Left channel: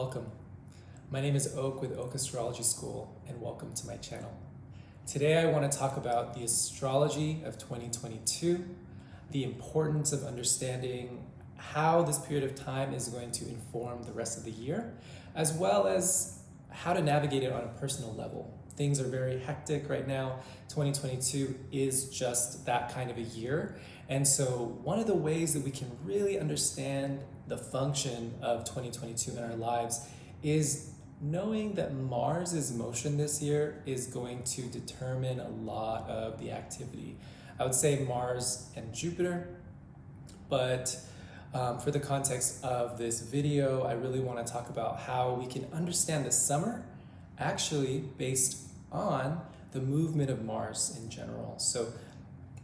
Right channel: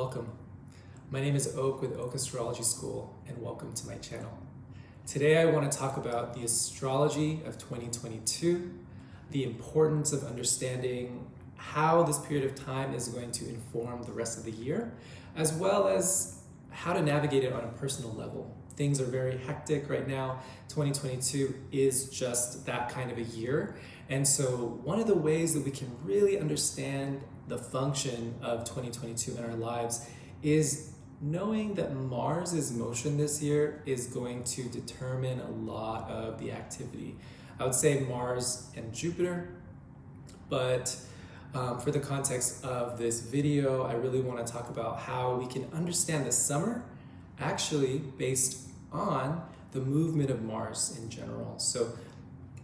Welcome. My name is Oak with Oak Astrology School, and welcome to my channel. Today I want to talk about the astrology of 2022, the importance of understanding how this period of time is going to inform the rest of the year, as well as how to navigate it on a personal level. Things are very hectic right now. 2022 is just that kind of a year. And so one of the ways that we can really understand the function of 2022 in our lives is knowing that Mars's motion this year is going to determine a lot of the activity. I would say Mars and Jupiter, but for the context of this video, I really want to talk about how we can understand the summer actually based on the movement of Mars in general. So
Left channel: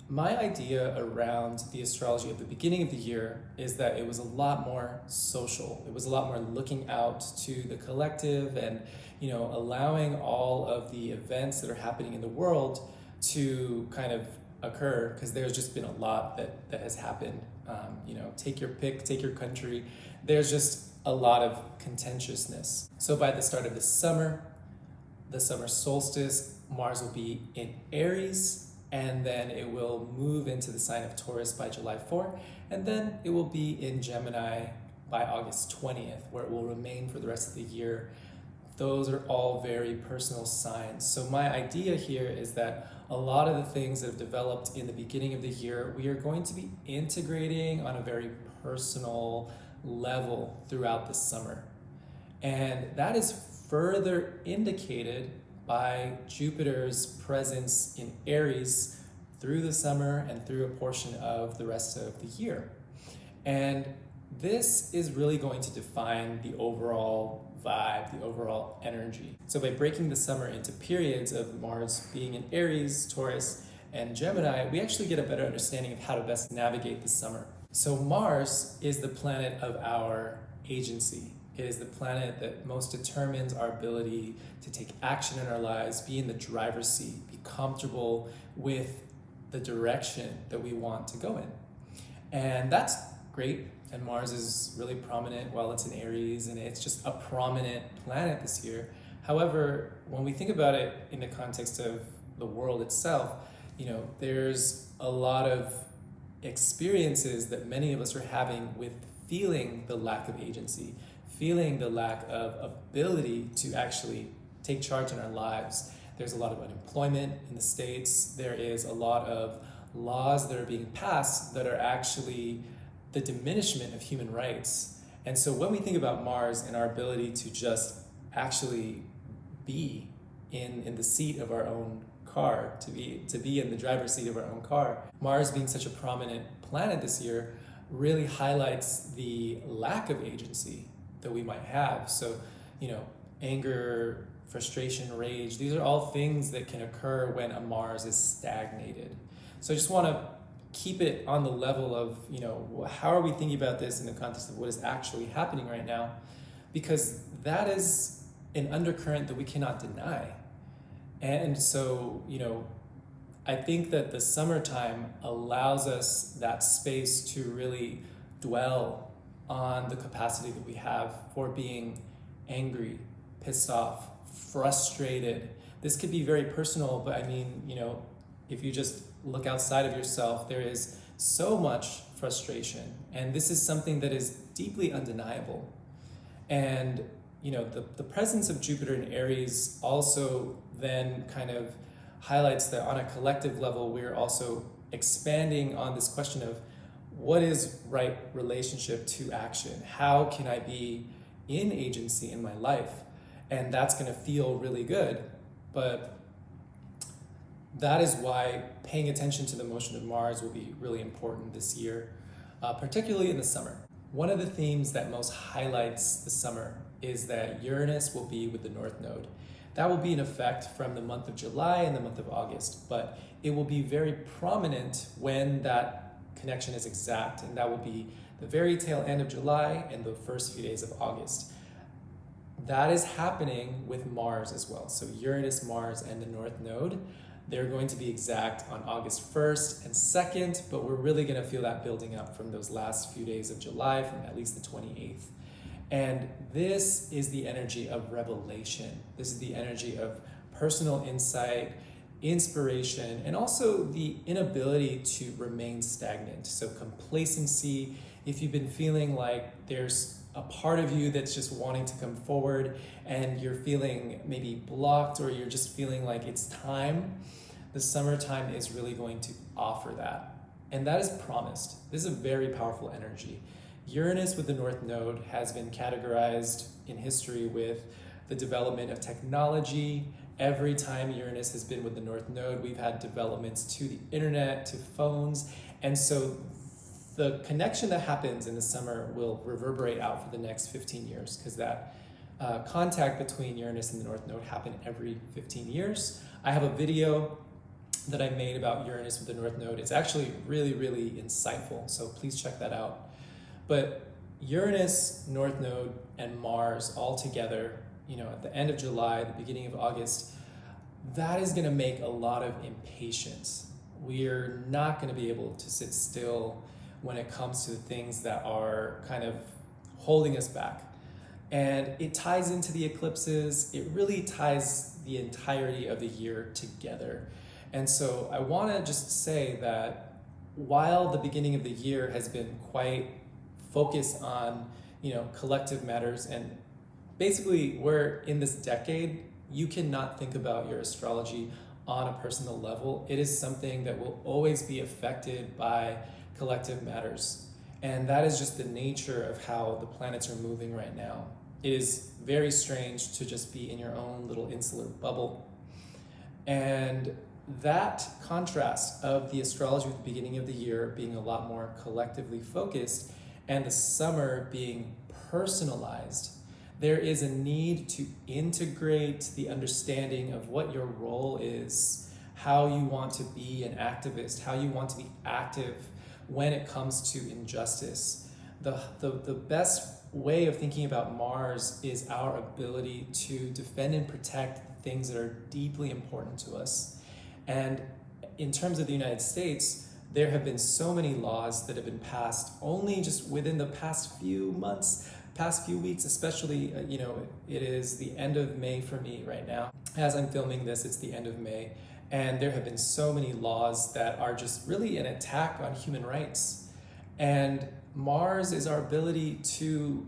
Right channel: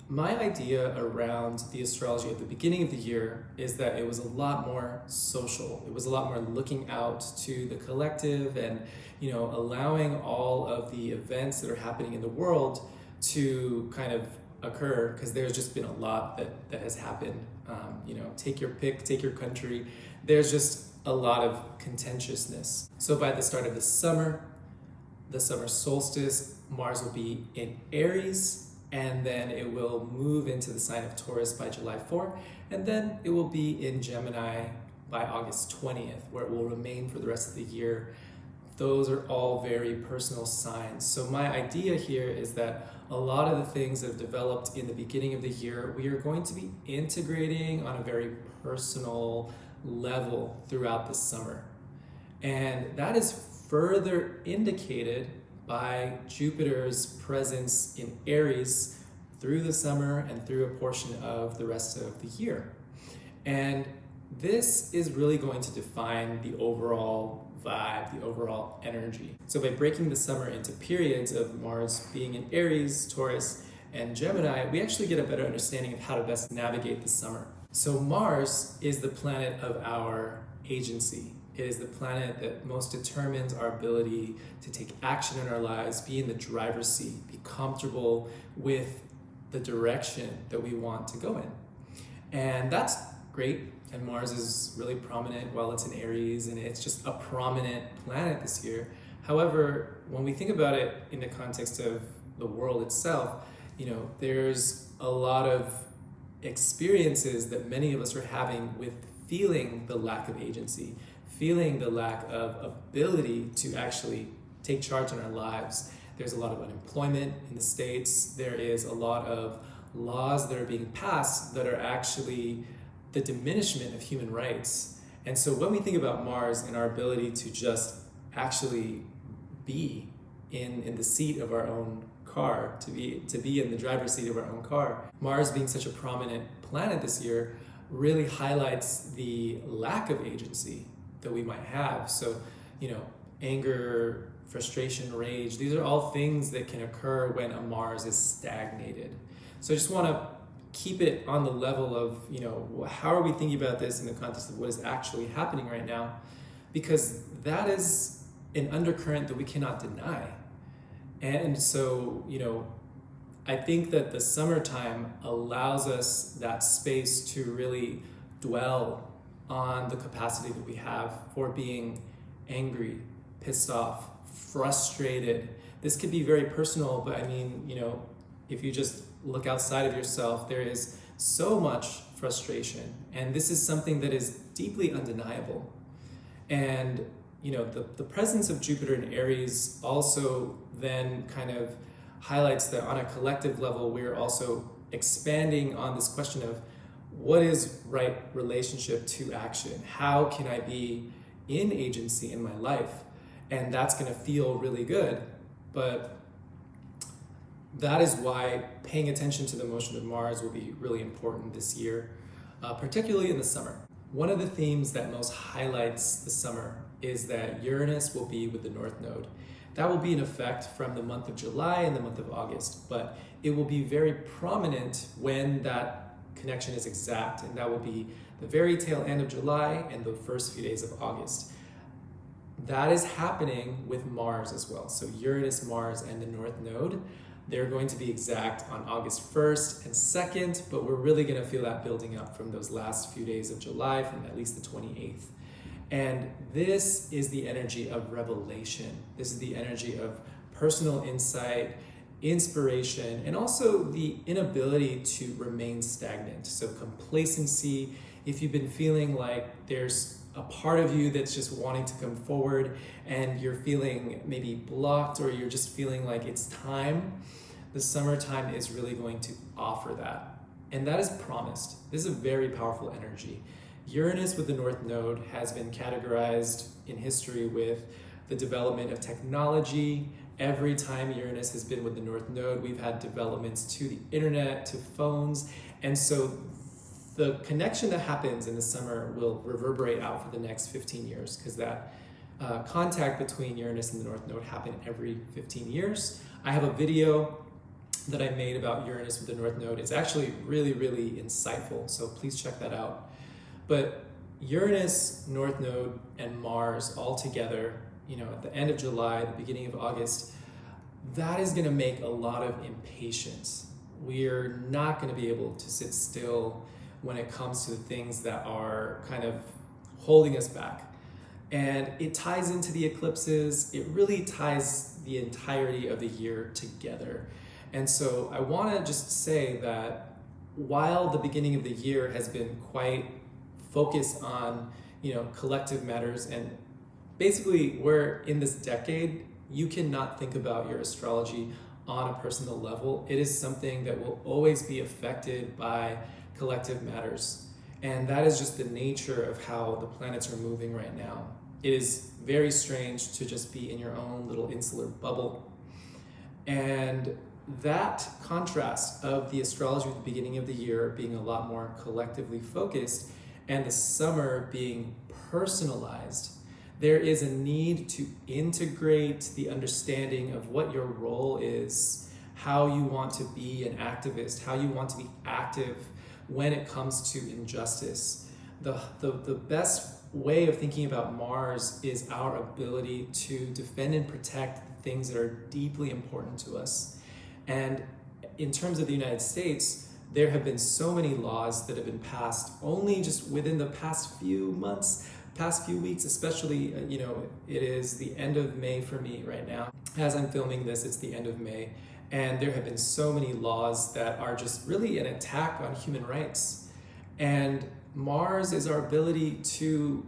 my idea around the astrology at the beginning of the year is that it was a lot more social. It was a lot more looking out to the collective and, allowing all of the events that are happening in the world to kind of occur, because there's just been a lot that has happened. Take your pick, take your country. There's just a lot of contentiousness. So by the start of the summer solstice, Mars will be in Aries, and then it will move into the sign of Taurus by July 4th, and then it will be in Gemini by August 20th, where it will remain for the rest of the year. Those are all very personal signs. So my idea here is that a lot of the things that have developed in the beginning of the year, we are going to be integrating on a very personal level throughout the summer. And that is further indicated by Jupiter's presence in Aries through the summer and through a portion of the rest of the year. And this is really going to define the overall vibe, the overall energy. So by breaking the summer into periods of Mars being in Aries, Taurus, and Gemini, we actually get a better understanding of how to best navigate the summer. So Mars is the planet of our agency. It is the planet that most determines our ability to take action in our lives, be in the driver's seat, be comfortable with the direction that we want to go in. And that's great. And Mars is really prominent while it's in Aries, and it's just a prominent planet this year. However, when we think about it in the context of the world itself, there's a lot of experiences that many of us are having with feeling the lack of agency, feeling the lack of ability to actually take charge in our lives. There's a lot of unemployment in the States. There is a lot of laws that are being passed that are actually the diminishment of human rights. And so when we think about Mars and our ability to just actually be in the seat of our own car, to be in the driver's seat of our own car, Mars being such a prominent planet this year really highlights the lack of agency that we might have. So, anger, frustration, rage, these are all things that can occur when a Mars is stagnated. So I just want to keep it on the level of, how are we thinking about this in the context of what is actually happening right now? Because that is an undercurrent that we cannot deny. And so, I think that the summertime allows us that space to really dwell on the capacity that we have for being angry, pissed off, frustrated. This could be very personal, but if you just look outside of yourself, there is so much frustration. And this is something that is deeply undeniable. And, the presence of Jupiter in Aries also then kind of highlights that on a collective level, we're also expanding on this question of what is right relationship to action? How can I be in agency in my life? And that's going to feel really good. But that is why paying attention to the motion of Mars will be really important this year, particularly in the summer. One of the themes that most highlights the summer is that Uranus will be with the North Node. That will be in effect from the month of July and the month of August, but it will be very prominent when that connection is exact, and that will be the very tail end of July and the first few days of August. That is happening with Mars as well. So Uranus, Mars, and the North Node, they're going to be exact on August 1st and 2nd, but we're really going to feel that building up from those last few days of July, from at least the 28th. And this is the energy of revelation. This is the energy of personal insight, inspiration, and also the inability to remain stagnant. So complacency, if you've been feeling like there's a part of you that's just wanting to come forward and you're feeling maybe blocked, or you're just feeling like it's time, the summertime is really going to offer that. And that is promised. This is a very powerful energy. Uranus with the North Node has been categorized in history with the development of technology. Every time Uranus has been with the North Node, we've had developments to the internet, to phones. And so the connection that happens in the summer will reverberate out for the next 15 years, because that contact between Uranus and the North Node happen every 15 years. I have a video that I made about Uranus with the North Node. It's actually really, really insightful, so please check that out. But Uranus, North Node, and Mars all together, at the end of July, the beginning of August, that is gonna make a lot of impatience. We're not gonna be able to sit still when it comes to the things that are kind of holding us back. And it ties into the eclipses. It really ties the entirety of the year together. And so I wanna just say that while the beginning of the year has been quite focused on, collective matters, and basically we're in this decade, you cannot think about your astrology on a personal level. It is something that will always be affected by collective matters. And that is just the nature of how the planets are moving right now. It is very strange to just be in your own little insular bubble. And that contrast of the astrology at the beginning of the year being a lot more collectively focused and the summer being personalized, there is a need to integrate the understanding of what your role is, how you want to be an activist, how you want to be active when it comes to injustice. The best way of thinking about Mars is our ability to defend and protect the things that are deeply important to us. And in terms of the United States, there have been so many laws that have been passed only just within the past few months, past few weeks, especially, it is the end of May for me right now. As I'm filming this, it's the end of May. And there have been so many laws that are just really an attack on human rights. And Mars is our ability to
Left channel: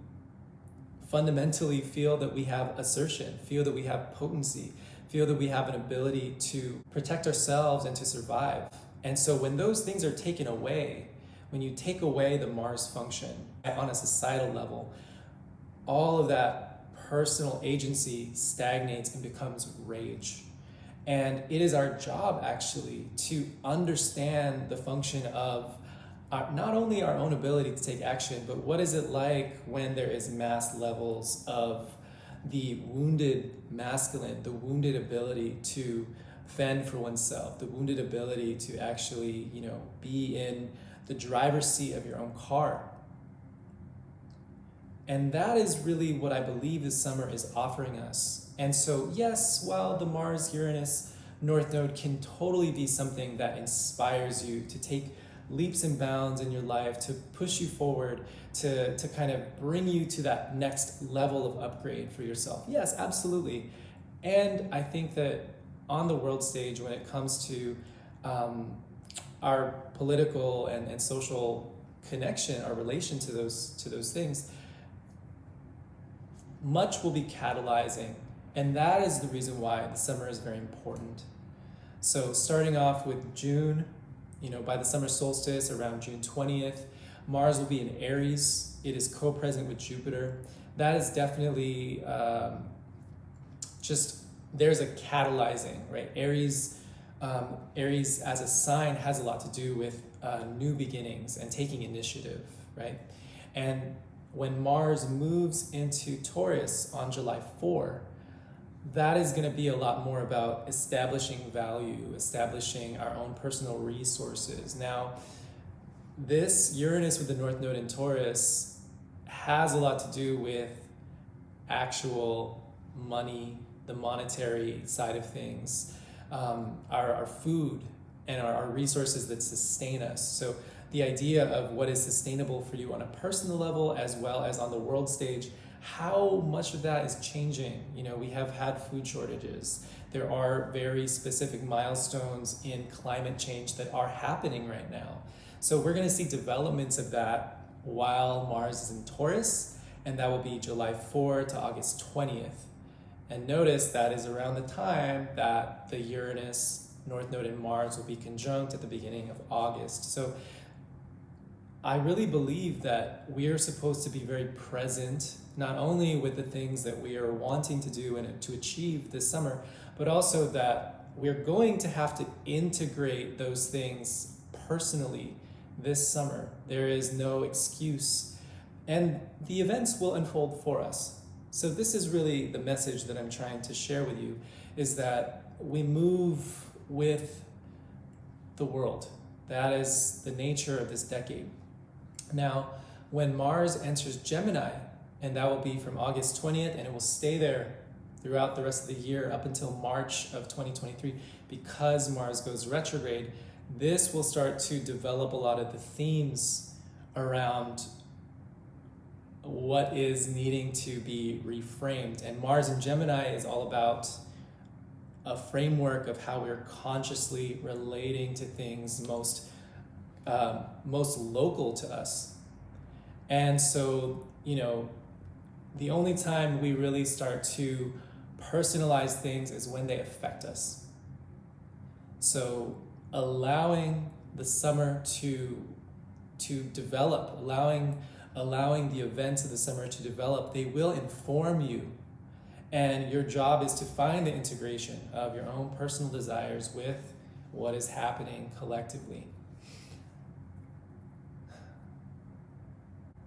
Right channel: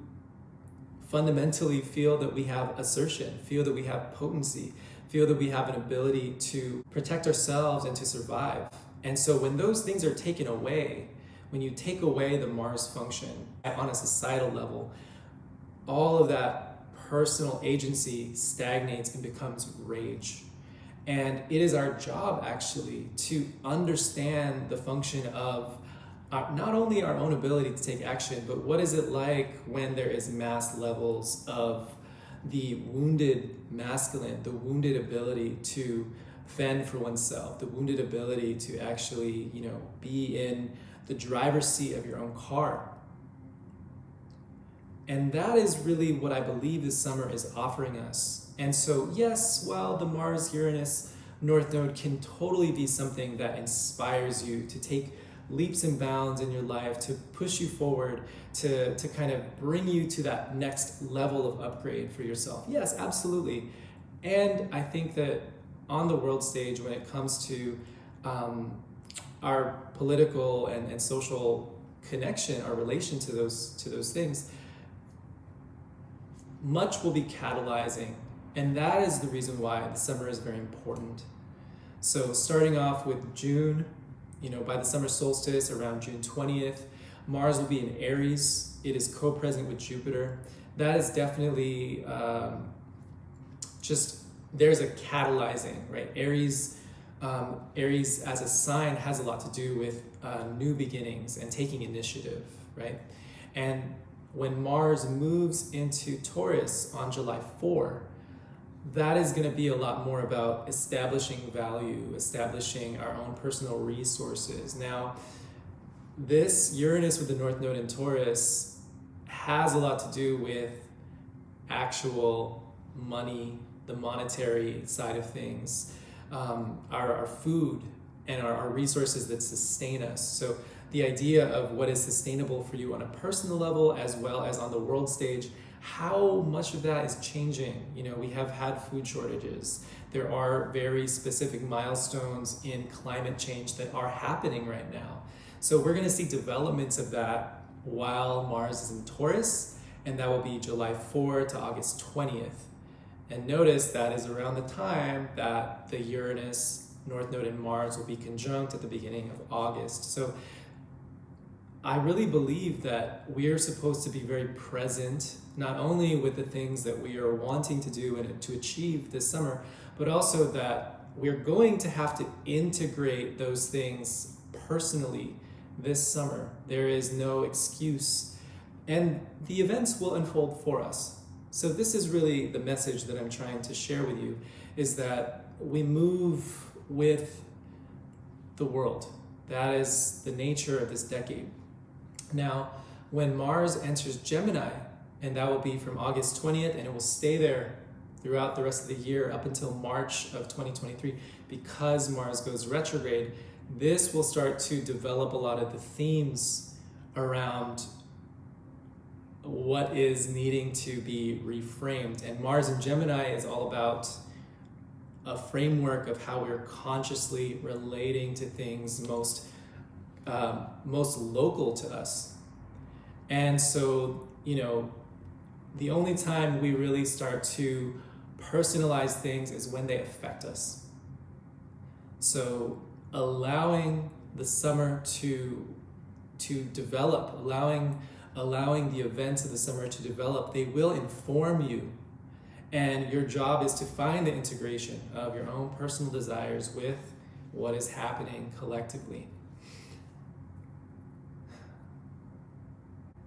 fundamentally feel that we have assertion, feel that we have potency, feel that we have an ability to protect ourselves and to survive. And so when those things are taken away, when you take away the Mars function on a societal level, all of that personal agency stagnates and becomes rage. And it is our job actually to understand the function of not only our own ability to take action, but what is it like when there is mass levels of the wounded masculine, the wounded ability to fend for oneself, the wounded ability to actually, be in the driver's seat of your own car. And that is really what I believe the summer is offering us. And so, yes, while the Mars-Uranus North Node can totally be something that inspires you to take leaps and bounds in your life, to push you forward, to kind of bring you to that next level of upgrade for yourself. Yes, absolutely. And I think that on the world stage, when it comes to our political and social connection, our relation to those things, much will be catalyzing. And that is the reason why the summer is very important. So starting off with June, by the summer solstice around June 20th, Mars will be in Aries. It is co-present with Jupiter. That is definitely there's a catalyzing, right? Aries as a sign has a lot to do with new beginnings and taking initiative, right? And when Mars moves into Taurus on July 4, that is going to be a lot more about establishing value, establishing our own personal resources. Now, this Uranus with the North Node in Taurus has a lot to do with actual money, the monetary side of things, our food and our resources that sustain us. So the idea of what is sustainable for you on a personal level as well as on the world stage how much of that is changing. You know, we have had food shortages. There are very specific milestones in climate change that are happening right now. So we're going to see developments of that while Mars is in Taurus, and that will be July 4 to August 20th. And notice that is around the time that the Uranus North Node in Mars will be conjunct at the beginning of August. So I really believe that we are supposed to be very present, not only with the things that we are wanting to do and to achieve this summer, but also that we're going to have to integrate those things personally this summer. There is no excuse, and the events will unfold for us. So this is really the message that I'm trying to share with you, is that we move with the world. That is the nature of this decade. Now, when Mars enters Gemini, and that will be from August 20th, and it will stay there throughout the rest of the year up until March of 2023, because Mars goes retrograde, this will start to develop a lot of the themes around what is needing to be reframed. And Mars in Gemini is all about a framework of how we're consciously relating to things most local to us. And so, you know, the only time we really start to personalize things is when they affect us. So allowing the summer to develop, allowing the events of the summer to develop, they will inform you. And your job is to find the integration of your own personal desires with what is happening collectively.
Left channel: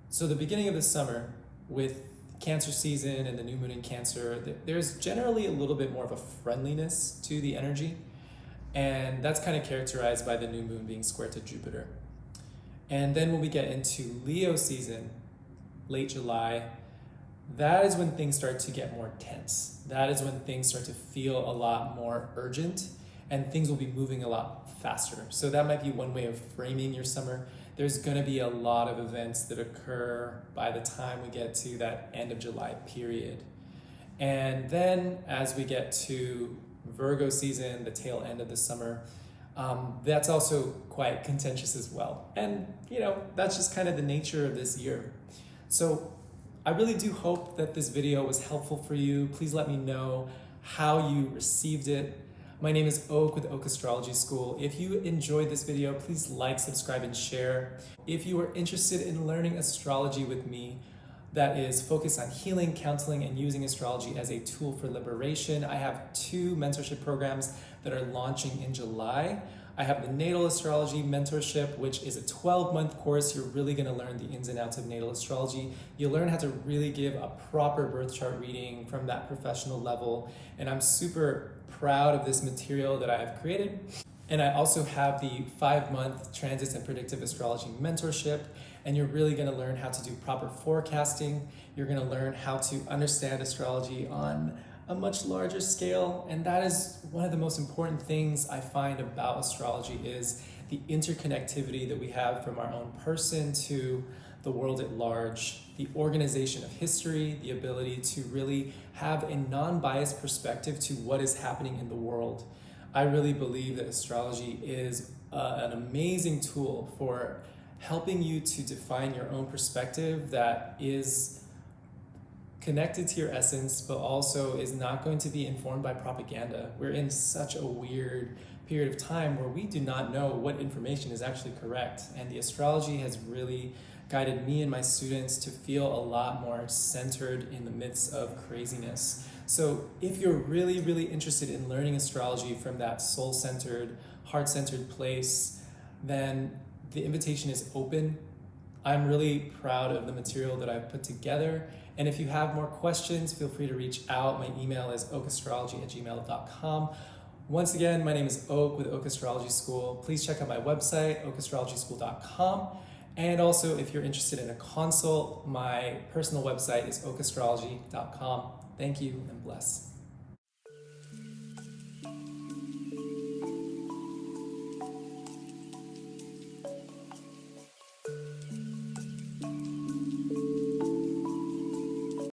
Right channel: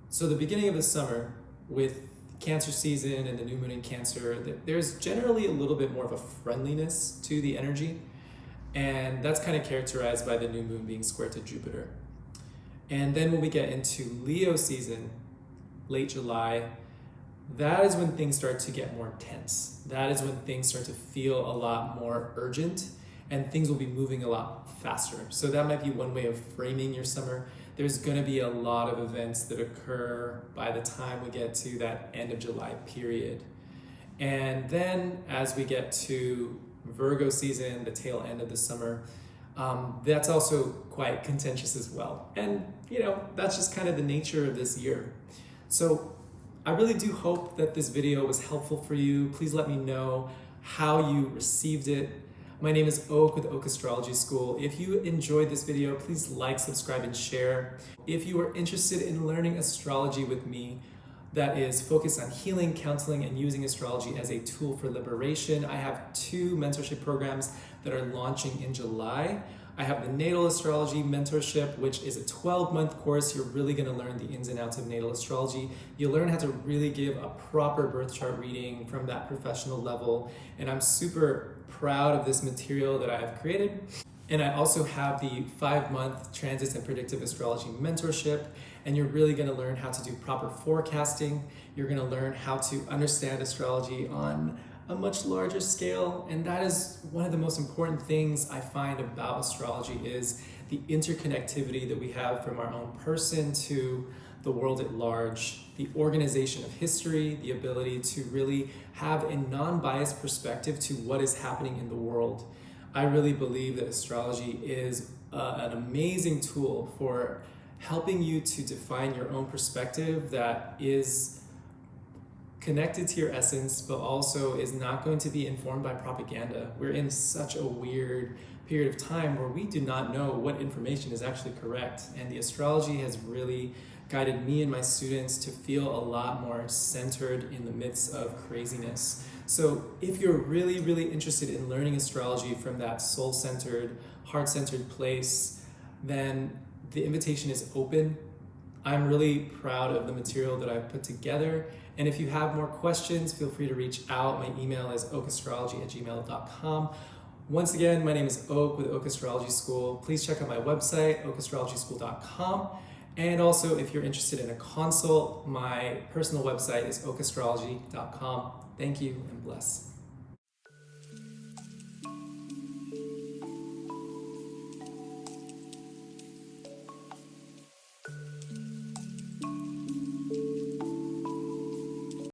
So the beginning of the summer, with Cancer season and the new moon in Cancer, there's generally a little bit more of a friendliness to the energy. And that's kind of characterized by the new moon being square to Jupiter. And then when we get into Leo season, late July, that is when things start to get more tense. That is when things start to feel a lot more urgent, and things will be moving a lot faster. So that might be one way of framing your summer. There's going to be a lot of events that occur by the time we get to that end of July period. And then as we get to Virgo season, the tail end of the summer, that's also quite contentious as well. And, you know, that's just kind of the nature of this year. So I really do hope that this video was helpful for you. Please let me know how you received it. My name is Oak with Oak Astrology School. If you enjoyed this video, please like, subscribe, and share. If you are interested in learning astrology with me, that is focused on healing, counseling, and using astrology as a tool for liberation, I have 2 mentorship programs that are launching in July. I have the Natal Astrology Mentorship, which is a 12-month course. You're really going to learn the ins and outs of natal astrology. You'll learn how to really give a proper birth chart reading from that professional level. And I'm super proud of this material that I have created. And I also have the 5-month Transits and Predictive Astrology Mentorship. And you're really going to learn how to do proper forecasting. You're going to learn how to understand astrology on a much larger scale. And that is one of the most important things I find about astrology, is the interconnectivity that we have from our own person to the world at large, the organization of history, the ability to really have a non-biased perspective to what is happening in the world. I really believe that astrology is an amazing tool for helping you to define your own perspective that is connected to your essence, but also is not going to be informed by propaganda. We're in such a weird period of time where we do not know what information is actually correct. And the astrology has really guided me and my students to feel a lot more centered in the midst of craziness. So if you're really, really interested in learning astrology from that soul-centered, heart-centered place, then the invitation is open. I'm really proud of the material that I've put together. And if you have more questions, feel free to reach out. My email is okastrology@gmail.com. Once again, my name is Oak with Oak Astrology School. Please check out my website, okastrologyschool.com. And also, if you're interested in a consult, my personal website is okastrology.com. Thank you and bless.